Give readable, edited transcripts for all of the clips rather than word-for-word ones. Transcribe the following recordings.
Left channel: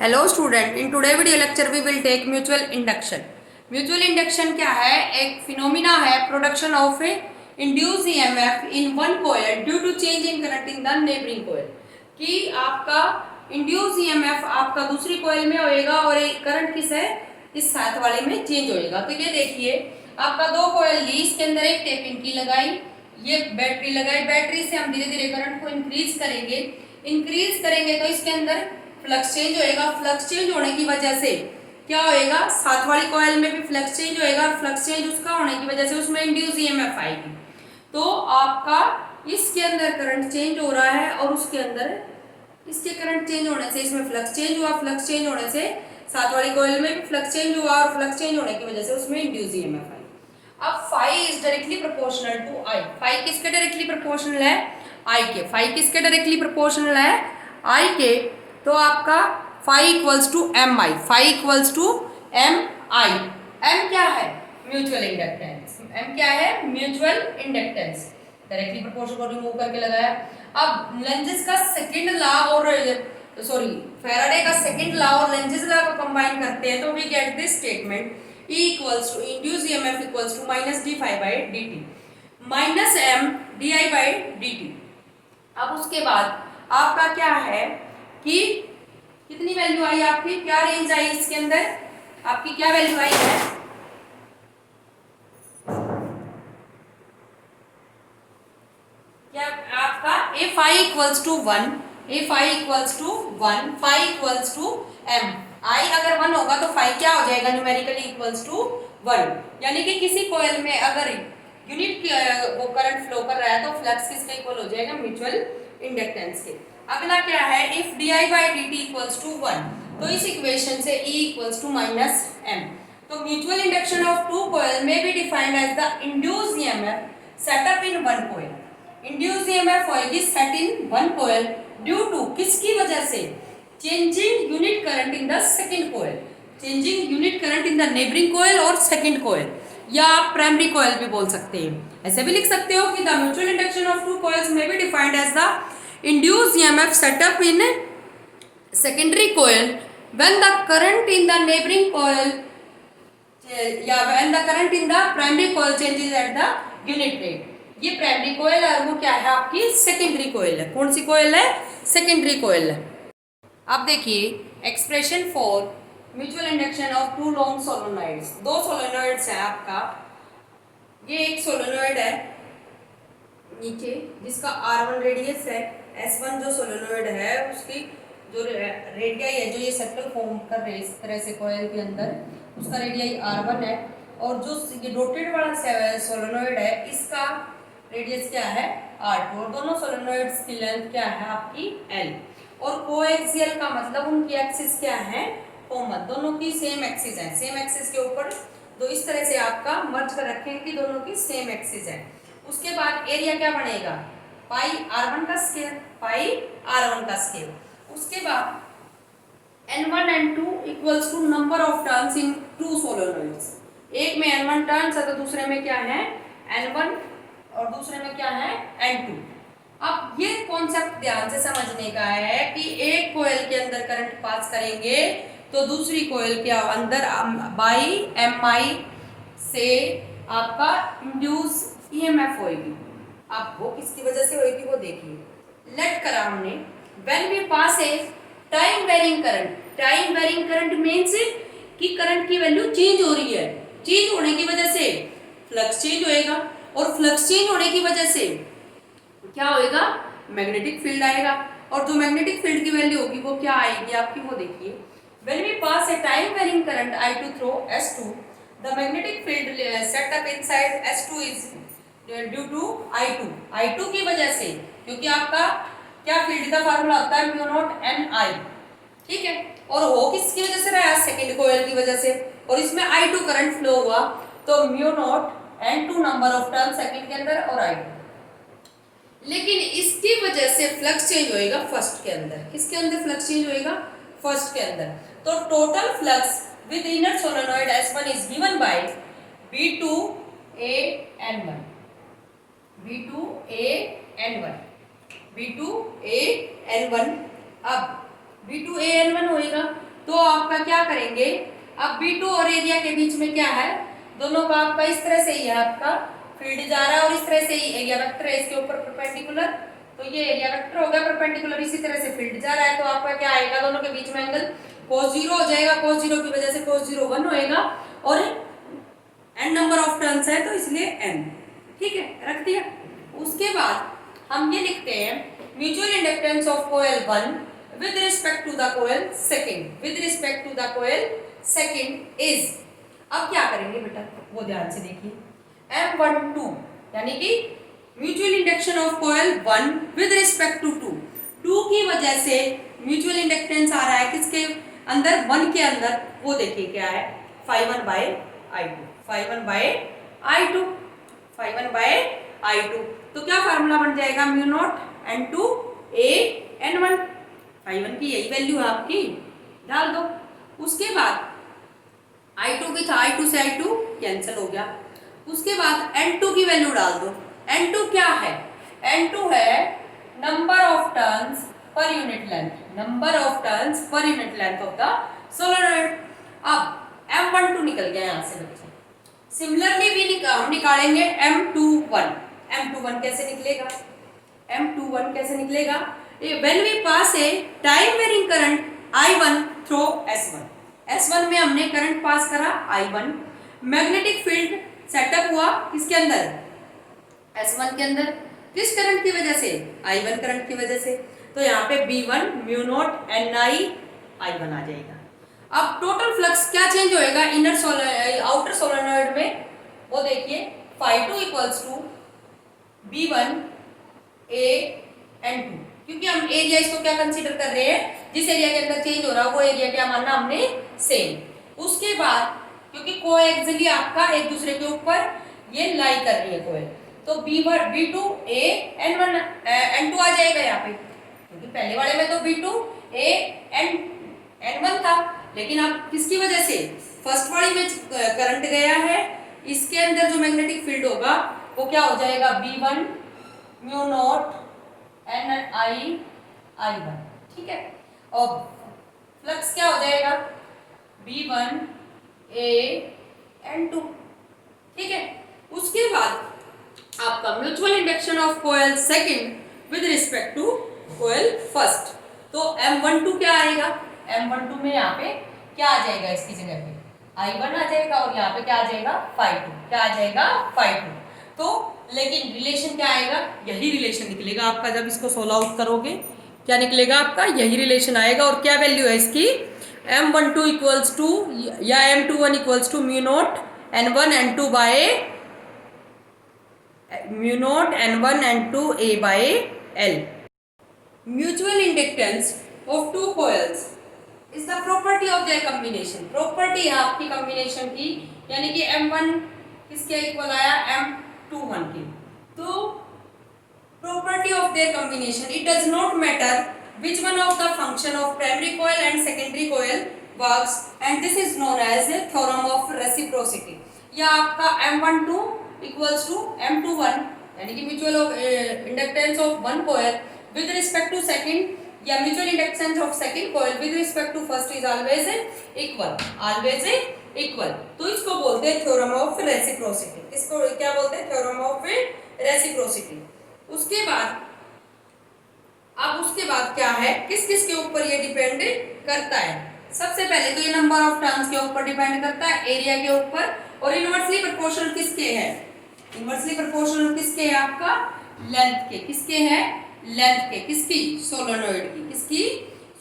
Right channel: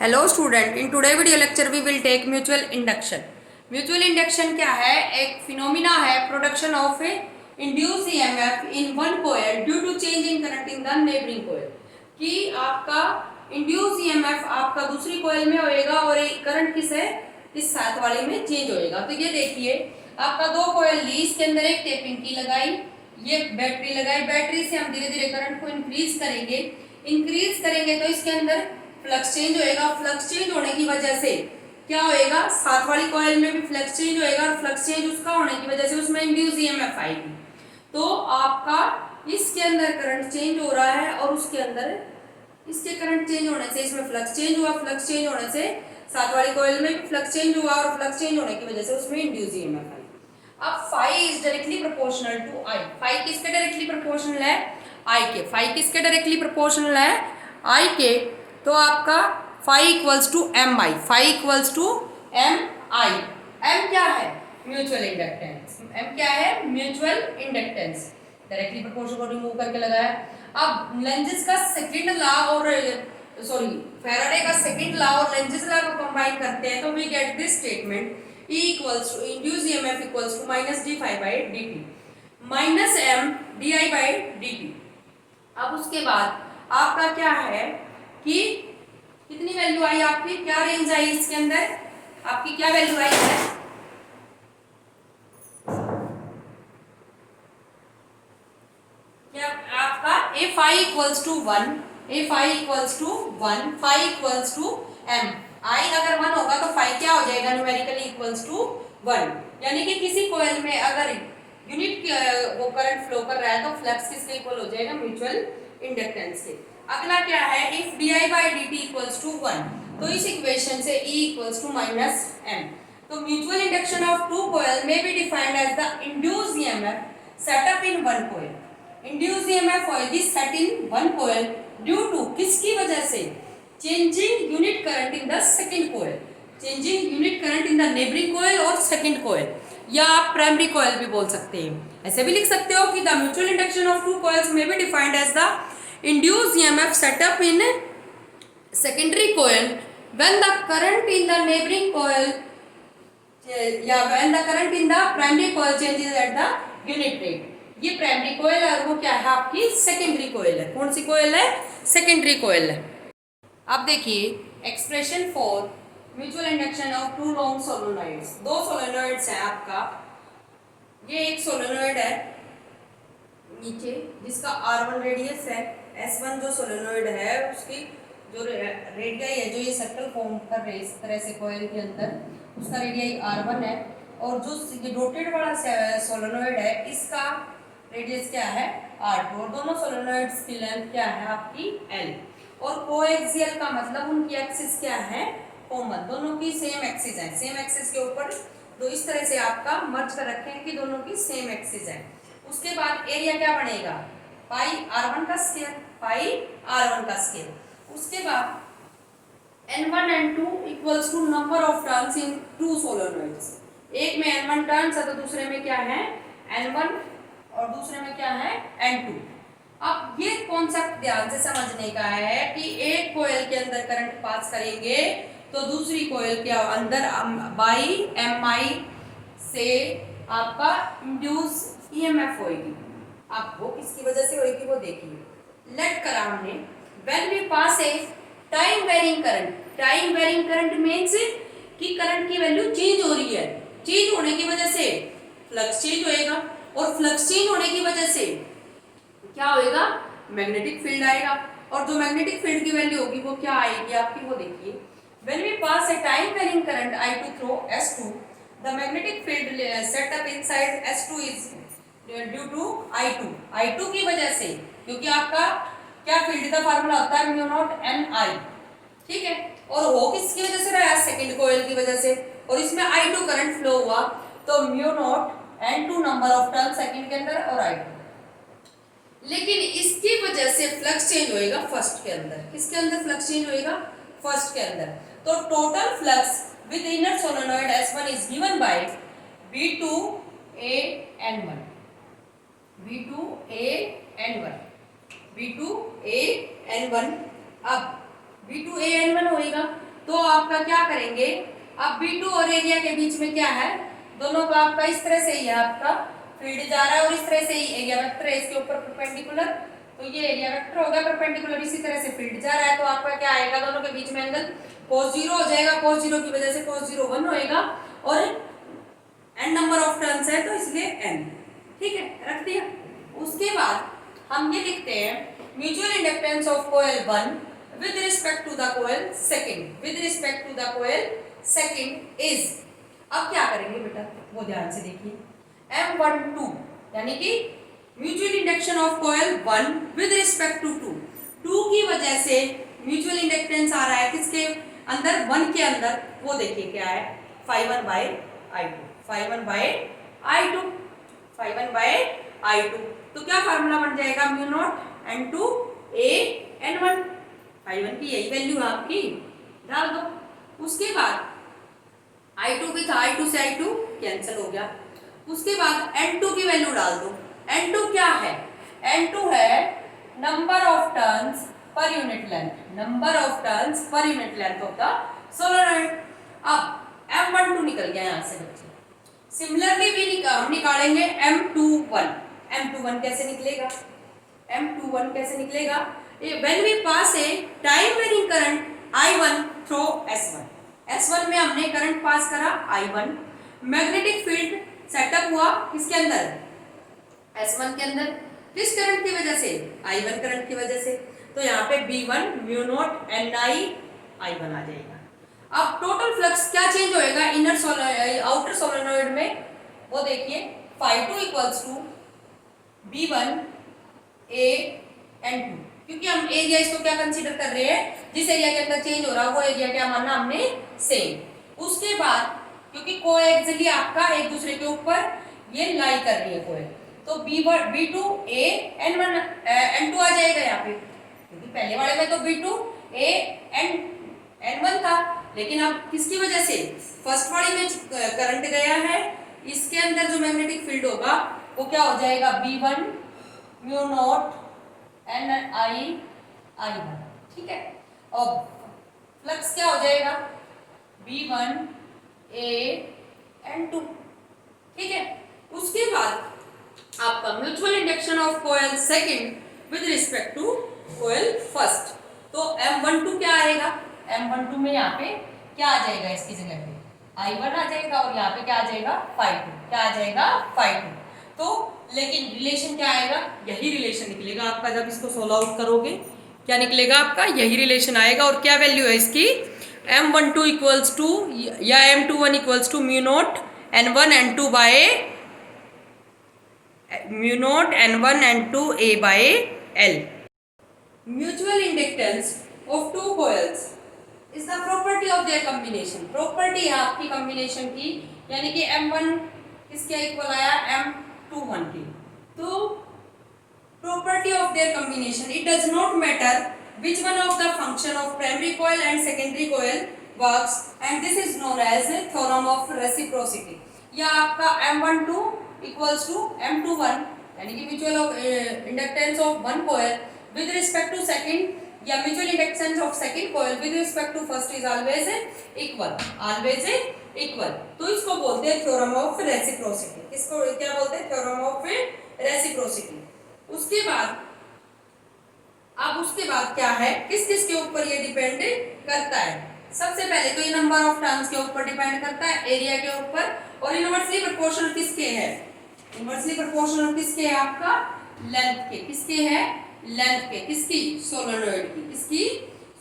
Hello student, in today video lecture we will take mutual induction. Mutual induction क्या है? एक phenomena है, production of induced EMF in one coil due to change in current in the neighbouring coil. कि आपका induce EMF आपका दूसरी coil में होएगा और एक करंट किस है, इस साथ वाले में चेंज होएगा। तो ये देखिए, आपका दो कॉइल ली, इसके अंदर एक टेपिंग की लगाई, ये बैटरी लगाई, बैटरी से हम धीरे धीरे करंट को इंक्रीज करेंगे तो इसके अंदर फ्लक्स चेंज होएगा। फ्लक्स चेंज होने की वजह से क्या होएगा, साथ वाली कॉइल में भी फ्लक्स चेंज होएगा और फ्लक्स चेंज उसका होने की वजह से उसमें इंड्यूस ईएमएफ आएगी। तो आपका इसके अंदर करंट चेंज हो रहा है और उसके अंदर इसके करंट चेंज होने से इसमें फ्लक्स चेंज हुआ, फ्लक्स चेंज होने से साथ वाली कॉइल में भी फ्लक्स चेंज हुआ और फ्लक्स चेंज होने की वजह से उसमें इंड्यूस ईएमएफ आई। अब phi is directly proportional to I. Phi किसके डायरेक्टली प्रोपोर्शनल है? आई के। फाई किसके डायरेक्टली प्रोपोर्शनल है? आई के। तो आपका phi equals to M I. Phi equals to M I. M क्या है? Mutual inductance. एम क्या है? Mutual inductance. डायरेक्टली प्रोपोर्शनल को रिमूव करके लगाया। अब लेंजेस का सेकंड लॉ और फैराडे का सेकंड लॉ और लेंजेस लॉ को कंबाइन करते हैं तो we get this statement E equals to induced EMF equals to minus d phi by dt minus m di by dt। अब उसके बाद आपका क्या है कि कितनी वैल्यू आई आपकी, क्या रेंज आई इसके अंदर, आपकी क्या वैल्यू आई है? क्या आपका A phi equals to 1, A phi equals to 1, phi equals to M. I अगर 1 होगा तो फाई क्या हो जाएगा? Numerically equals to 1। यानी कि किसी कॉइल में अगर यूनिट वो करंट फ्लो कर रहा है तो फ्लक्स किसके इक्वल हो जाएगा? म्यूचुअल इंडक्टेंस के। अगला क्या है? If di by dt equals to 1, तो इस इक्वेशन से E equals to minus m। तो mutual induction of two coil में be defined as the induced EMF set up in one coil. Induced EMF होगी set in one coil due to किसकी वजह से? Changing unit current in the second coil. Changing unit current in the neighbouring coil और second coil, या आप primary coil भी बोल सकते हैं। ऐसे भी लिख सकते हो कि the mutual induction of two coils में be defined as the induced EMF set up in secondary coil when the current in the neighboring coil when the current in the primary coil changes at the unit rate। ये primary कोयल है और वो क्या है? आपकी secondary कोयल है। कौन सी कोयल है? सेकेंडरी कोयल है। अब देखिए expression for mutual induction of two long solenoids. दो सोलेनॉइड्स है आपका, ये एक सोलेनॉइड है नीचे जिसका R1 रेडियस है, S1 जो सोलेनॉइड है उसकी जो रेडियाई है, जो ये सर्कल फॉर्म कर रहे हैं इस तरह से कॉइल के अंदर, उसका रेडियाई R1 है और जो ये डॉटेड वाला सोलेनॉइड है इसका रेडियस क्या है? R2। और दोनों सोलेनॉइड्स की लेंथ क्या है आपकी? L। और कोएक्सियल का मतलब उनकी एक्सिस क्या है? कॉमन। दोनों की सेम एक्सिस है। सेम एक्सिस के ऊपर तो इस तरह से आपका मर्ज कर रखेंगे कि दोनों की सेम एक्सिस है। उसके बाद एरिया क्या बनेगा? पाई R1 का स्क्वायर, पाई R1 का स्क्वायर। उसके बाद N1 N2 equals to number of turns in two solenoids. एक में N1 टर्न्स है तो दूसरे में क्या है? N1 और दूसरे में क्या है? N2। अब ये कॉन्सेप्ट ध्यान से समझने का है कि एक कॉइल के अंदर करंट पास करेंगे तो दूसरी कॉइल के अंदर बाई एम आई से आपका इंड्यूस ईएमएफ होगी। अब वो किसकी वजह से होगी वो देखिए। लेट कर हमने when we pass a time varying current, time varying current means कि करंट की वैल्यू चेंज हो रही है। चेंज होने की वजह से फ्लक्स चेंज होएगा और फ्लक्स चेंज होने की वजह से क्या होएगा? मैग्नेटिक फील्ड आएगा और जो मैग्नेटिक फील्ड की वैल्यू होगी वो क्या आएगी आपकी वो देखिए। when we pass a time varying current I2 through S2, the magnetic field set up inside S2 is due to I2। I2 की वजह से, क्योंकि आपका क्या फील्ड का फार्मूला होता है? म्यू नॉट एन आई। ठीक है, और वो किसकी वजह से रहा? सेकंड कॉइल की वजह से। और इसमें I2 करंट फ्लो हुआ तो mu naught N2 number of turn second के अंदर और I2। लेकिन इसकी वजह से फ्लक्स चेंज होएगा फर्स्ट के अंदर। किसके अंदर फ्लक्स चेंज होएगा? फर्स्ट के अंदर। तो total flux with inner solenoid S1 is given by V2A N1। V2A N1। V2A N1। अब V2A N1 होएगा आपका क्या करेंगे, अब B2 और एरिया के बीच में क्या है, दोनों का आपका इस तरह से ही है, आपका फील्ड जा रहा है और इस तरह से ही एरिया वेक्टर है इसके ऊपर परपेंडिकुलर, तो ये एरिया वेक्टर होगा परपेंडिकुलर, इसी तरह से फील्ड जा रहा है, तो आपका क्या आएगा, दोनों के बीच में एंगल cos 0 हो जाएगा, cos 0 की वजह से cos 0 1 होएगा और n नंबर ऑफ टर्न्स है तो इसलिए n, ठीक है, रख दिया। उसके बाद हम ये लिखते हैं mutual inductance of coil 1 with respect to the coil second, with respect to the coil second is, अब क्या करेंगे बेटा वो ध्यान से देखिए, M12 यानी कि mutual induction of coil 1 with respect to 2 की वजह से म्यूचुअल इंडक्टेंस आ रहा है किसके अंदर, 1 के अंदर, वो देखिए क्या है, phi1 by I2, phi1 by I2, phi1 by I2, तो क्या फार्मूला बन जाएगा, mu naught N2 A N1, phi1 की यही वैल्यू है आपकी, डाल दो। उसके बाद I2 भी था, I2 से I2 कैंसिल हो गया, उसके बाद N2 की वैल्यू डाल दो। N2 क्या है, N2 है number of turns per unit length, number of turns per unit length होता सोलेनॉइड। अब M12 निकल गया यहाँ से बच्चे, सिमिलरली भी हम निकालेंगे M21, M21 कैसे निकलेगा, M21 कैसे निकलेगा, when we pass a time varying current I1 through S1, S1 में हमने करंट पास करा I1, मैग्नेटिक फील्ड सेटअप हुआ किसके अंदर, S1 के अंदर, किस करंट की वजह से, I1 करंट की वजह से, तो यहाँ पे B1 mu naught Ni I1 आ जाएगा। अब टोटल फ्लक्स क्या चेंज होएगा इनर आउटर सोलेनॉइड में, वो देखिए phi2 equals to B1 A N2, क्योंकि हम एरिया इसको क्या कंसीडर कर रहे हैं, जिस एरिया के अंदर चेंज हो रहा है वो एरिया क्या मानना हमने सेम। उसके बाद क्योंकि कोएक्सियली आपका एक दूसरे के ऊपर ये लाई कर रही है कोयल, तो B2 A N1 N2 आ जाएगा यहाँ पे, क्योंकि पहले वाले में तो B2 A N1 था, लेकिन अब किसकी वजह से, फर्स्ट वाले में करंट गया है, इसके अंदर जो मैग्नेटिक फील्ड होगा वो क्या हो जाएगा, B1 mu naught Ni I1, ठीक है, और फ्लक्स क्या हो जाएगा B1 A N2, ठीक है। उसके बाद आपका mutual induction of coil second with respect to coil first, तो M12 क्या आएगा, M12 में यहाँ पे क्या आ जाएगा, इसकी जगह पे I1 आ जाएगा और यहाँ पे क्या आ जाएगा phi2, क्या आ जाएगा phi2, तो लेकिन रिलेशन क्या आएगा, यही रिलेशन निकलेगा आपका, जब इसको सोल्व आउट करोगे क्या निकलेगा आपका, यही रिलेशन आएगा। और क्या वैल्यू है इसकी, M12 इक्वल्स टू या M21 equals to mu not N1 N2 by mu not N1 N2 A by L। Mutual inductance of two coils is the property of their combination, property है आपकी combination की, यानी कि M1 किसके equal आया, M21 की, तो property of their combination, it does not matter which one of the function of primary coil and secondary coil works, and this is known as a theorem of reciprocity। या आपका M12 equals to M21 यानी कि mutual inductance of one coil with respect to second, या mutual inductance of second coil with respect to first is always equal, always equal, तो इसको बोलते हैं theorem of reciprocity। इसको क्या बोलते हैं, theorem of reciprocity। उसके बाद अब उसके बाद क्या है, किस किस के ऊपर ये डिपेंड करता है, सबसे पहले तो ये नंबर ऑफ टर्न्स के ऊपर डिपेंड करता है, एरिया के ऊपर, और इनवर्सली प्रोपोर्शनल किसके है, इनवर्सली प्रोपोर्शनल किसके है आपका, लेंथ के, किसके है, लेंथ के, किसकी, सोलेनॉइड की, किसकी,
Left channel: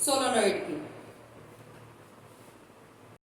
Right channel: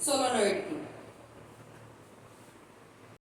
सोलेनॉइड की।